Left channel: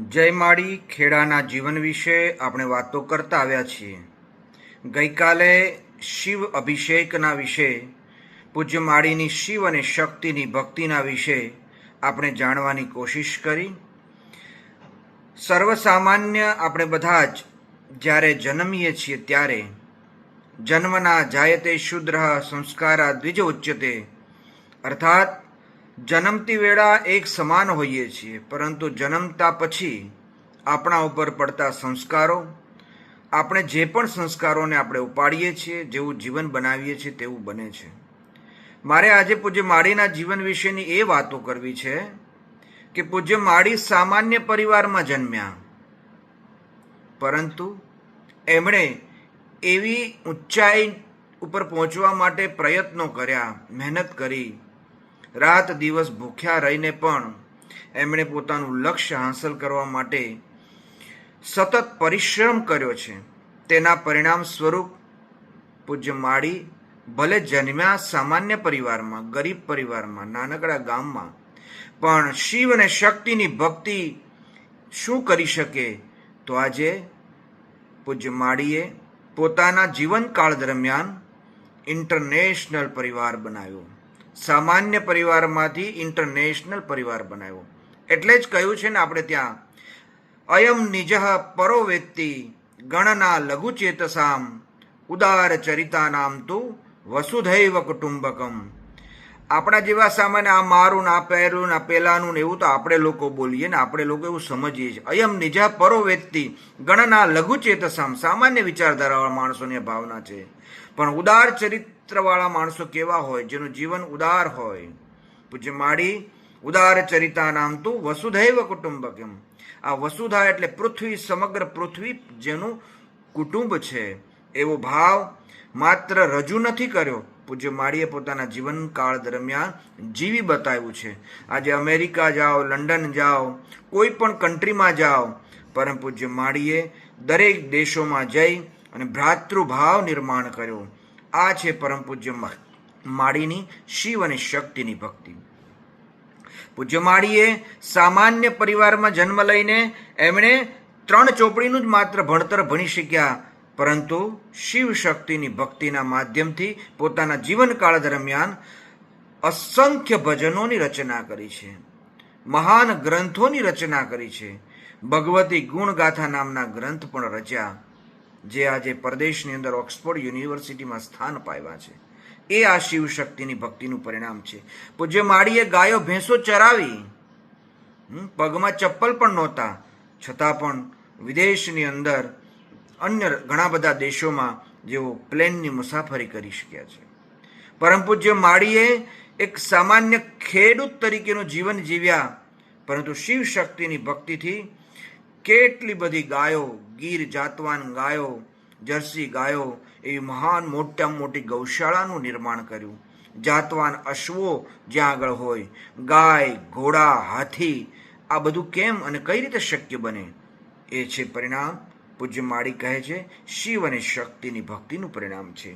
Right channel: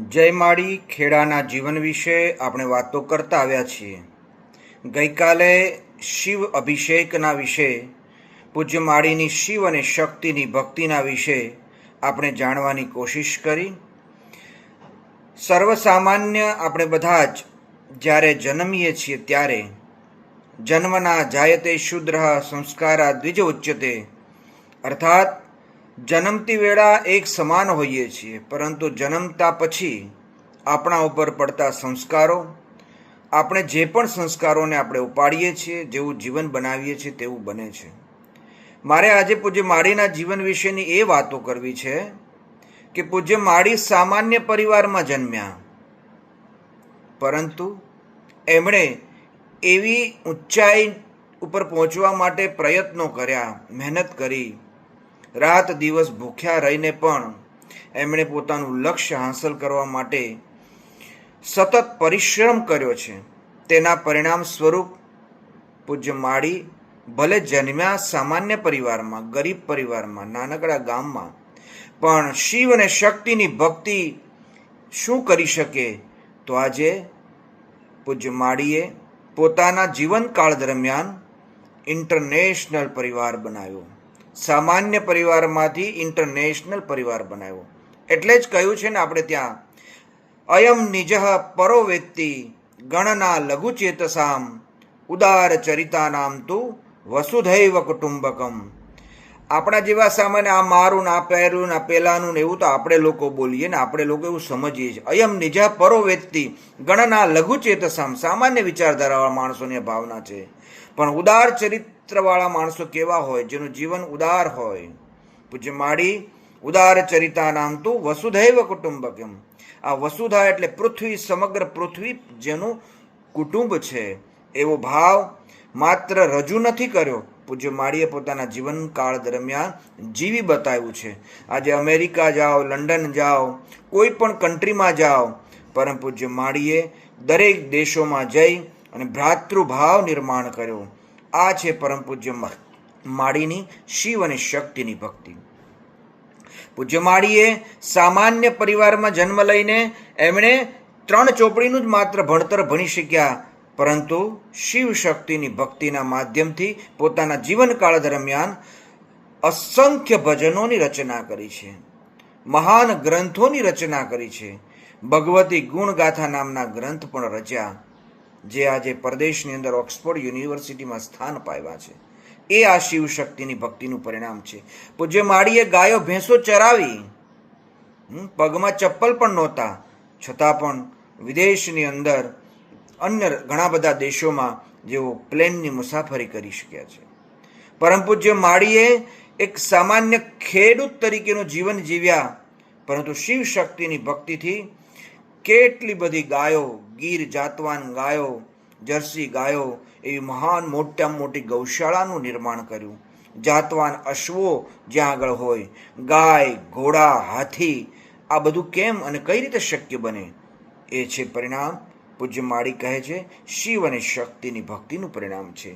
જય માળી ખેડાના જીવન વિશે આપણે વાતો કરતા આવ્યા છીએ. ગઈકાલે શિવ અભિષેકના વિશે, પૂજ્ય માળીની શિવ અને શક્તિની ભક્તિના વિશે આપણે જાણવાની કોશિશ કરી. સર્વસામાન્ય આપણે બધા જ જ્યારે જન્મીએ છીએ ત્યારે જન્મના જાયતે શુદ્રઃ સંસ્કારા દ્વિજ ઉચ્યતે, અર્થાત જન્મતી વેળા એક સમાન હોઈએ છીએ, પરંતુ જન્મતા પછી આપણા ઉપર પડતા સંસ્કારો, આપણે જે પણ સંસ્કારોને આપણે ઉપાડીએ છીએ, જેવું જીવન બનાવીએ છીએ તેવું બને છે. મારે આજે પૂજ્ય માળીના જીવન વિશેની એ વાતો કરવી છે કે પૂજ્ય માળી સામાન્ય પરિવારમાં જન્મ્યા, પરંતુ એમણે એવી ઊંચાઈ ઉપર પહોંચવા માટે પ્રયત્નો કર્યા, મહેનત કરી, રાત દિવસ ભૂખ્યા રહીને પણ એમણે પોતાનું લક્ષ્ય હાંસલ કરવા માટે સતત પરિશ્રમ કર્યો છે. તેના પરિણામ સ્વરૂપ પૂજ્ય માળી ભલે જન્મ્યા સામાન્ય પરિવારમાં, ગરીબ પરિવારમાં, નાનકડા ગામમાં, પણ શિવ અને શક્તિની ભક્તિ શું કરી શકે? તો આજે પૂજ્ય માળીએ પોતાના જીવનકાળ દરમિયાન ઇન્ટરનેશનલ પરિવાર બનાવ્યો. સામાન્ય પરિવારમાંથી ઇન્ટરનેશનલ પરિવાર બનાવ્યો. એટલે જ કહ્યું છે ને આપણે ત્યાં, અયમ નિજઃ પરો વેત્તિ ગણના લઘુ ચેતસામ ઉદાર ચરિતાનામ તુ વસુધૈવ કુટુંબકમ. આપણા જેવા સામાન્ય આ મારું ને આ પહેરું ને આ પેલાનું ને એવું તો આપણે લોકો બોલીએ ને, આપણે લોકો એવું સમજીએ છીએ. અયમ નિજઃ પરો વેત્તિ ગણના લઘુ ચેતસામ, સામાન્ય વિચારધારાવાળા માણસોની ભાવના છે. પણ ઉદાર ચરિત્રવાળા માણસો કેવા હોય? જેનું જીવન ઉદાર હોય. પૂજ્ય માળી ઉદાર ચરિતાનામ તુ વસુધૈવ કુટુંબકમ. આ વસુધા એટલે પૃથ્વી, સમગ્ર પૃથ્વી જેનું કુટુંબ છે, એવો ભાવ માત્ર રજૂ નથી કર્યો, પૂજ્ય માળીએ પોતાના જીવનકાળ દરમિયાન જીવી બતાવ્યું છે. આજે અમેરિકા જાઓ, લંડન જાઓ, કોઈ પણ કન્ટ્રીમાં જાઓ, પરમ પૂજ્ય માળીએ દરેક દેશોમાં જઈ અને ભ્રાતૃભાવ નિર્માણ કર્યો. આ છે પરમ પૂજ્ય માળીની શિવ અને શક્તિની ભક્તિ. પૂજ્ય માળીએ સામાન્ય પરિવારમાં જન્મ લઈને એમણે 3 ચોપડીનું જ માત્ર ભણતર ભણી શક્યા, પરંતુ શિવ શક્તિની ભક્તિના માધ્યમથી પોતાના જીવનકાળ દરમિયાન અસંખ્ય ભજનોની રચના કરી છે, મહાન ગ્રંથોની રચના કરી છે. ભગવતી ગુણગાથા નામના ગ્રંથ પણ રચ્યા, જે આજે પરદેશની અંદર ઓક્સફોર્ડ યુનિવર્સિટીમાં સ્થાન પામ્યા છે. એ આ શિવ શક્તિની ભક્તિનું પરિણામ છે. પૂજ્ય માળીએ ગાયો ભેંસો ચરાવી, પગમાં ચપ્પલ પણ નહોતા, છતાં પણ વિદેશની અંદર અન્ય ઘણા બધા દેશોમાં જેઓ પ્લેનની મુસાફરી કરી શક્યા છે. પરમ પૂજ્ય માળીએ એક સામાન્ય ખેડૂત તરીકેનું જીવન જીવ્યા, પરંતુ શિવ શક્તિની ભક્તિથી કેટલી બધી ગાયો, ગીર જાતવાન ગાયો, જર્સી ગાયો, એવી મહાન મોટામાં મોટી ગૌશાળાનું નિર્માણ કર્યું. જાતવાન અશ્વો જ્યાં આગળ હોય, ગાય, ઘોડા, હાથી, આ બધું કેમ અને કઈ રીતે શક્ય બને? એ છે પરિણામ. પૂજ્ય માળી કહે છે શિવ અને શક્તિની ભક્તિનું પરિણામ છે.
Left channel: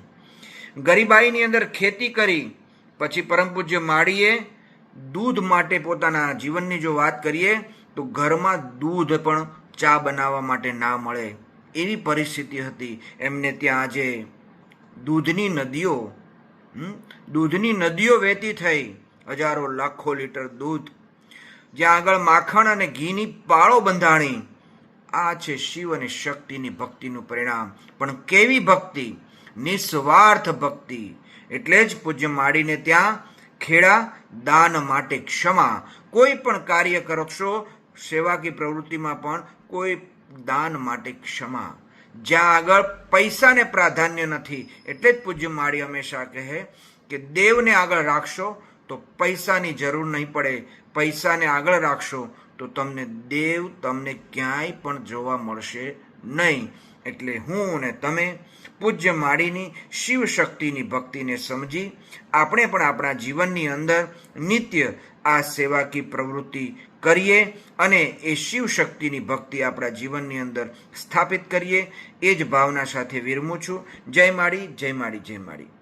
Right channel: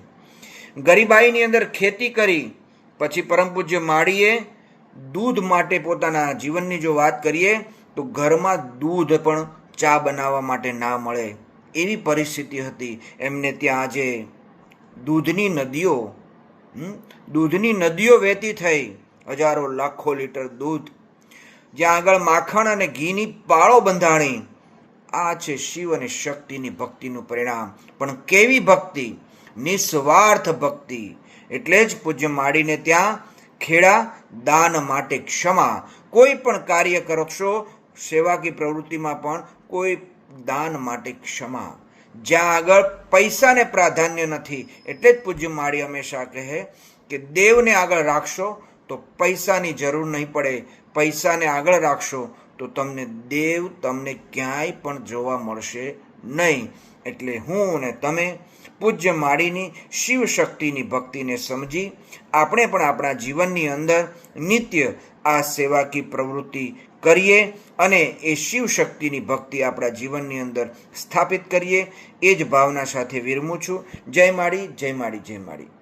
ગરીબાઈની અંદર ખેતી કરી, પછી પરમ પૂજ્ય માળીએ દૂધ માટે પોતાના જીવનની જો વાત કરીએ તો ઘરમાં દૂધ પણ ચા બનાવવા માટે ના મળે એવી પરિસ્થિતિ હતી. એમને ત્યાં આજે દૂધની નદીઓ વહેતી થઈ, હજારો લાખો લીટર દૂધ, જ્યાં આગળ માખણ અને ઘીની પાળો બંધાણી. આ છે શિવ અને શક્તિની ભક્તિનું પરિણામ. પણ કેવી ભક્તિ? નિસ્વાર્થ ભક્તિ. એટલે જ પૂજ્ય માળીને ત્યાં ખેડા દાન માટે ક્ષમા. કોઈ પણ કાર્ય કરશો, સેવાકી પ્રવૃત્તિમાં પણ કોઈ દાન માટે ક્ષમા. જ્યાં આગળ પૈસાને પ્રાધાન્ય નથી. એટલે જ પૂજ્ય માળી હંમેશા કહે કે દેવને આગળ રાખશો તો પૈસાની જરૂર નહીં પડે, પૈસાને આગળ રાખશો તો તમને દેવ તમને ક્યાંય પણ જોવા મળશે નહીં. એટલે હું અને તમે પૂજ્ય માળીની શિવ શક્તિની ભક્તિને સમજી આપણે પણ આપણા જીવનની અંદર નિત્ય આ સેવાકી પ્રવૃત્તિ કરીએ અને એ શિવ શક્તિની ભક્તિ આપણા જીવનની અંદર સ્થાપિત કરીએ. એ જ ભાવના સાથે વિરમું છું. જય માળી, જય માળી, જય માળી.